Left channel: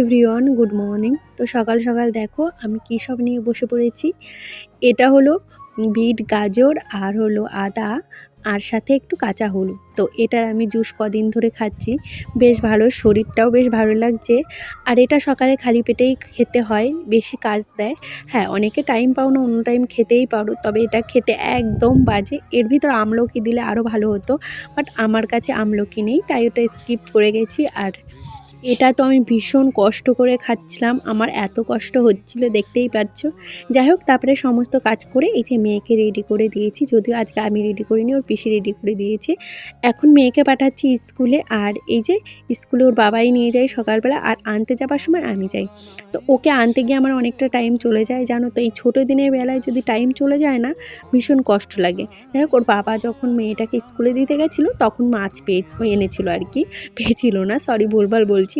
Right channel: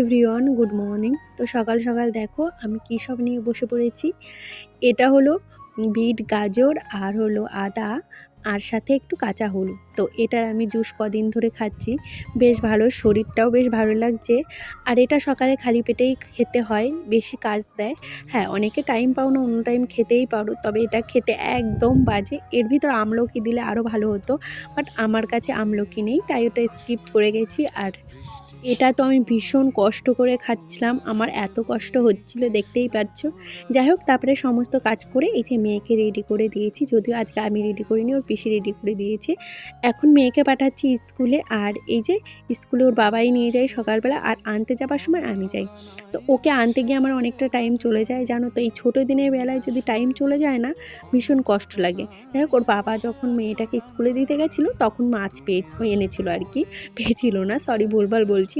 Everyone, good morning. তো সকাল সকাল দেখো আমি কী সব নিয়ে বসে পড়েছি। এটা হলো বিট, গাজর আর হলো আদা আর সাথে একটু কাঁচা হলুদ। তো এটার আমি জুস কদিন ধরে খাচ্ছি, বেশ ভালো, শরীরটাও বেশ ভালো লাগছে। আর এটা সকালে খালি পেটেই খেতে হয়, বেশি কাজ দেয়। হ্যাঁ, অনেকে টাইম পাও না, অন্য টাইম খেতেই পারো, তবে এটা খেতে একদম বাজে। এর ভিতর আমলকি দিলে আরও ভালো হতো, বাট আমার কাছে আমলকি নেই, তাই ওটা স্কিপ করে গেছি। আর এটা তো আমি ভীষণ কষ্ট করে খাচ্ছিলাম, আমার এত কষ্ট হচ্ছিল দেখতেই পাচ্ছ। যাই হোক, তারপরে সমস্ত কাজ করে এই যে মেয়েকে রেডি করে দিয়েছি, যদিও আজকে আমি রেডি করিনি, ওর পিসি রেডি করে দিয়েছে। এখন মেয়েকে পাঠাচ্ছি স্কুলে, আর এই যে স্কুলে ওর বাবাই নিয়ে যায় সকালবেলা, আর আনতে যাবার সময় আমি যাই। তো ওকে আনতে গিয়ে আমার অনেকটা টাইম চলে যায়, জানো তো। এই ছোটো দিনের বেলায় যদি টাইম চলে যায় না, ভীষণ কষ্ট লাগে। যাই হোক, ওর বাবা যখন মেয়েটাকে স্কুলে দিতে গেছিলো তখন মাছ এনেছিল আর কি, পেয়েছিল না, সরি ভুলভাল বলছি।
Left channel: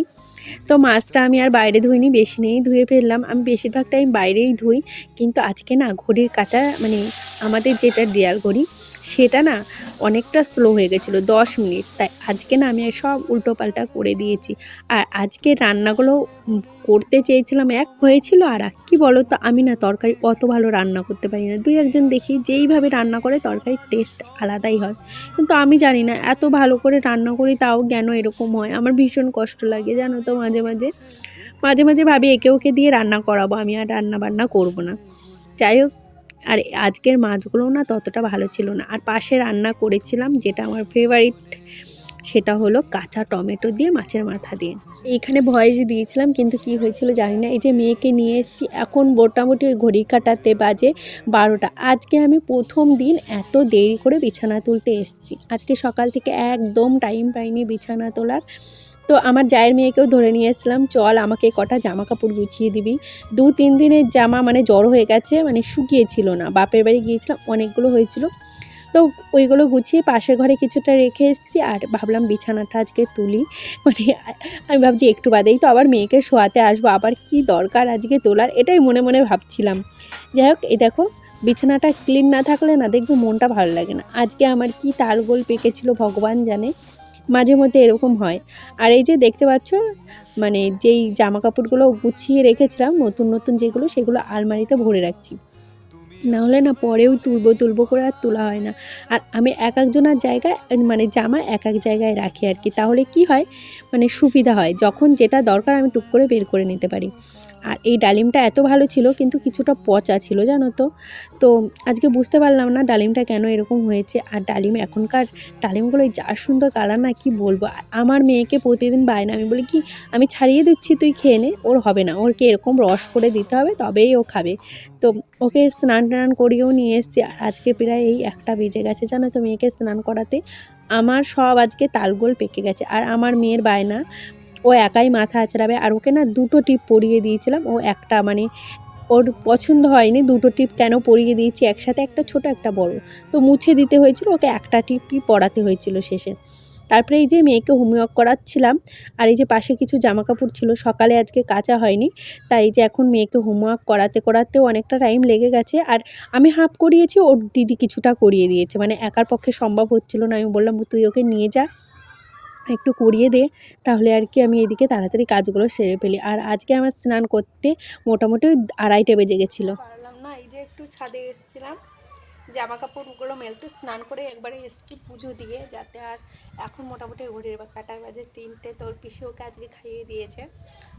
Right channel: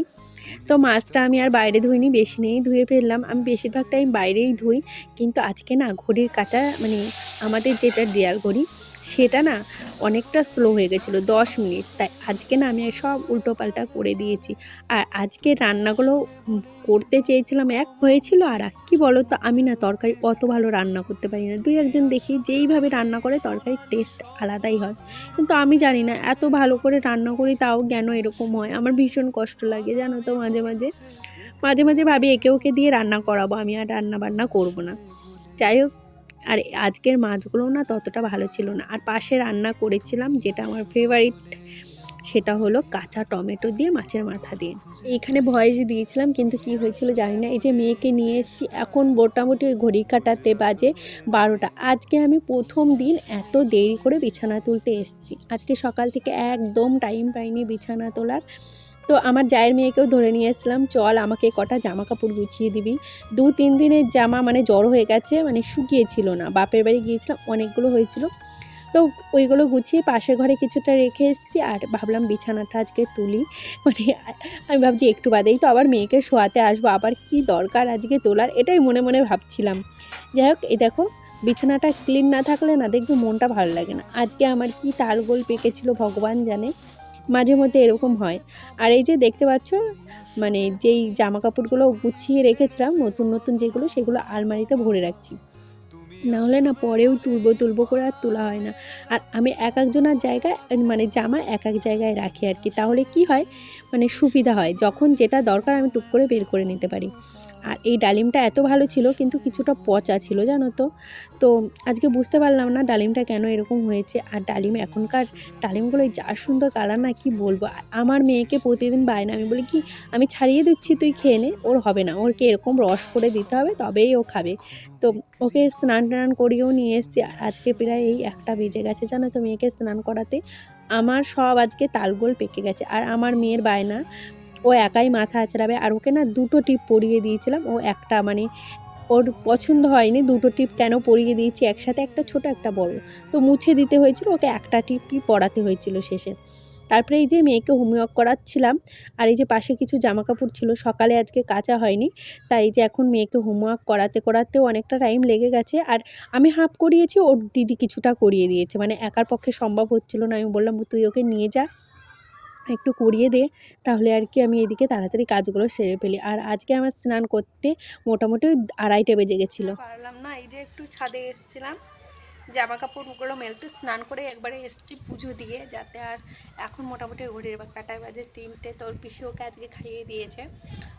তো মাছটা আমি আর বাইরে ধুইনি, বেশি নেই ধুয়ে ফেললাম। আমি বেশিরভাগ টাইম বাইরেই ধুই, কিন্তু আজকে না ঘড়ির কাঁটা, মানে আমাদের যেটা দেয়াল ঘড়ি, সেটা না অনেকটা স্লো হয়ে গেছিলো, 10 মিনিট। তাই আজকে না আমি সব উল্টোপাল্টা করে দিয়েছি। আর আজকে রান্নাগুলো করতে চেয়েছিলাম, এক হয়েছিল, আর কি বলো তো, আমি না তরকারি অত ভালো রান্না করতে পারি না। দুই একজন দেখি যেইভাবে রান্না করে তরকারির টেস্ট আলাদাই হয়, কিন্তু আমি জানি না, এত ভালো করে রান্না করি তাও কেন এরকম হয়। আমার ভীষণ কষ্ট লাগে, জানো তো। মাঝে মাঝে মাঝে মাঝে ভাবি একে ওকে দিয়ে রান্না করাবো, আমি আর রান্না বান্না করবো না। যাই হোক, আর আজকের মাছগুলোও না ততটা ভালো ছিল না। আর পাশে রান্না করেছিলাম যেটা আমার ফেভারিট, সেটা হলো কাঁচা টমেটো দিয়ে মাছের মাথা দিয়ে। এইখানে ভয়েস দিয়েছিলাম, কিন্তু কি হয়েছিল জানি না। এই যে মেয়েকে নিয়ে এসেছি, এখন মোটামুটি ওই ঘড়ি কাটাতে বাজে 12টা। আজকে আমি প্রথম দিন এত দেরি করে বিছানা তুলতে এসেছি। আজকে সকাল থেকে একদম টাইম পাইনি বিছানা তোলার। তো আমার জায়ের মেয়েকেও ধরে নিয়ে এসলাম, চল আমাকে কটা জামা কাপড় গুছিয়ে দিবি। 2-3 দিনের জামা মানে জড়ো হয়ে গেছে, মানে শুকিয়েছিল না। বাপের বাড়ি গিয়েছিলাম, অনেকগুলো হয়েছিল, তো ওইগুলো গুছিয়ে পাশের ঘরে কিছুটা রেখে এসেছি। আর ভাবলাম বিছানাটা আজকে তুলি, মানে আমি ভাবছি একটু বাদেই তো আবার মেয়েকে শোয়াতে আসবো, আবার কি দরকার আজকে তোলার, এটাই মনে মনে ভাবছিলাম। যাই হোক, এই দেখো, বিছানাটা ক্লিন না থাকলে না দেখবি মনটা ভালো লাগে না। আজকে আমার কি তালগোল পেকেছিল ভগবান জানে, মাঝে মধ্যে এরকম হয়। আর এই যে দেখতে পাচ্ছ, মানে যেই জামা কাপড়গুলো গুছিয়ে রেখেছিলাম নতুন নতুন যেগুলো, সেগুলো আলমারিতে ভরে রাখছি, নাহলে না পরেও তুলবো করে আর তোলা হয় না। আর আমি এক একজনের জায়গায়, মানে জামা এক এক জায়গায় রাখি আর কি, তাহলে কি হয়, মানে সুবিধা হয়, যখন যেটা দরকার আমি টুক করে বের করে নিতে পারি। আর এই ডালিমটা এত ভালো ছিল, কিন্তু কিছুটা পচা ছিল, জানো তো। তো আজকে বুঝতে পারলাম না ডালিমটা কেন এরকম হয়েছে। আর ডালিম, এখনকার ডালিমগুলো যা সুন্দর কালার না, কি বলবো। আর আমার মেয়েকে প্রতিদিন বায়না, আমি বলি কি, আমি ছাড়িয়ে দিচ্ছি তুই খেয়ে নে, ওর হবে না, ওরকে এরকম রস করে দিতে হবে, তবেই ও খাবে। তো ওকে স্নান টান করিয়েও নিয়ে এসেছি। আজকে প্রায় এই 1টা বেজে গেছে, জানো তো, মেয়েকে স্নান করাতে। আমার সব আজকে তালগোল পেকে গেছে। আর আমার মেয়ের বায়না, ও একাই মাথা আঁচড়াবে। আর ওকে না 2টো টিপ পরিয়ে দিয়েছিলাম, ও একটা, মানে ওর পছন্দ হয়নি, 2টো টিপ কেন পরিয়ে দিয়েছি একসাথে, একটা ছোট একটা বড়, তো মুছে দিতে হয়েছিল, ওকে একটা টিপই পরাতে হয়েছিল শেষে। তারপরে এই যে মেয়েকে হোমওয়ার্ক করাচ্ছিলাম, আর এই যে পাশে কিছু জামা কাপড় ছিল, সকালে আজকে কাচা হয়নি, তাই এই যে এখন মেয়েকে হোমওয়ার্ক করাতে করাতেও অনেকটা টাইম লেগে গেছে। আর আমি হাফ করিয়েছি, ওর দিদি কিছুটা করিয়ে দিয়েছে, মানে একার পক্ষে সম্ভব হচ্ছিল না। আমি বললাম তুই ওকে নিয়ে যা, একটু করিয়ে দে, তাহলে আর কি আমি এদিকে তাড়াতাড়ি কাজগুলো সেরে ফেলি। আর আজকে আমার স্নান করতে মোটামুটি 2:30 বেজে গেছিলো। পারলাম না, এই যে একটু ছাদে এসেছিলাম জামা কাপড়গুলো মেলতে, স্নান করে একবারে এসেছি পুজো দিয়ে, যাতে। আর এখন মোটামুটি ঘড়ির কাঁটায় বাজে 3টে, তোর পিসি ওকে আজকে খাইয়ে দিয়েছে।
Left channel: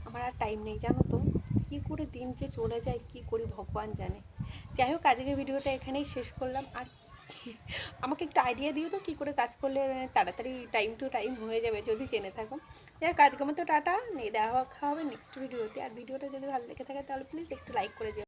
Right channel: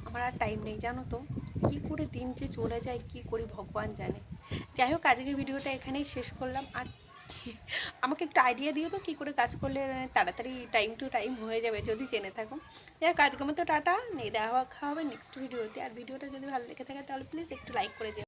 আমার আর টাইম নেই, জানো তো, কী করে দিন যে চলে যায়, কি করি ভগবান জানে। যাই হোক, আজকে ভিডিওটা এখানেই শেষ করলাম। আর আমাকে একটু আইডিয়া দিও তো, কী করে কাজ করলে তাড়াতাড়ি টাইম টু টাইম হয়ে যাবে, যদি জেনে থাকো। যাই হোক, আজকের মতো টাটা, নেই, দেখা হবে নেক্সট ভিডিওতে। আর ভিডিওটা যদি ভালো লেগে থাকে তাহলে প্লিজ একটু লাইক করে দিও।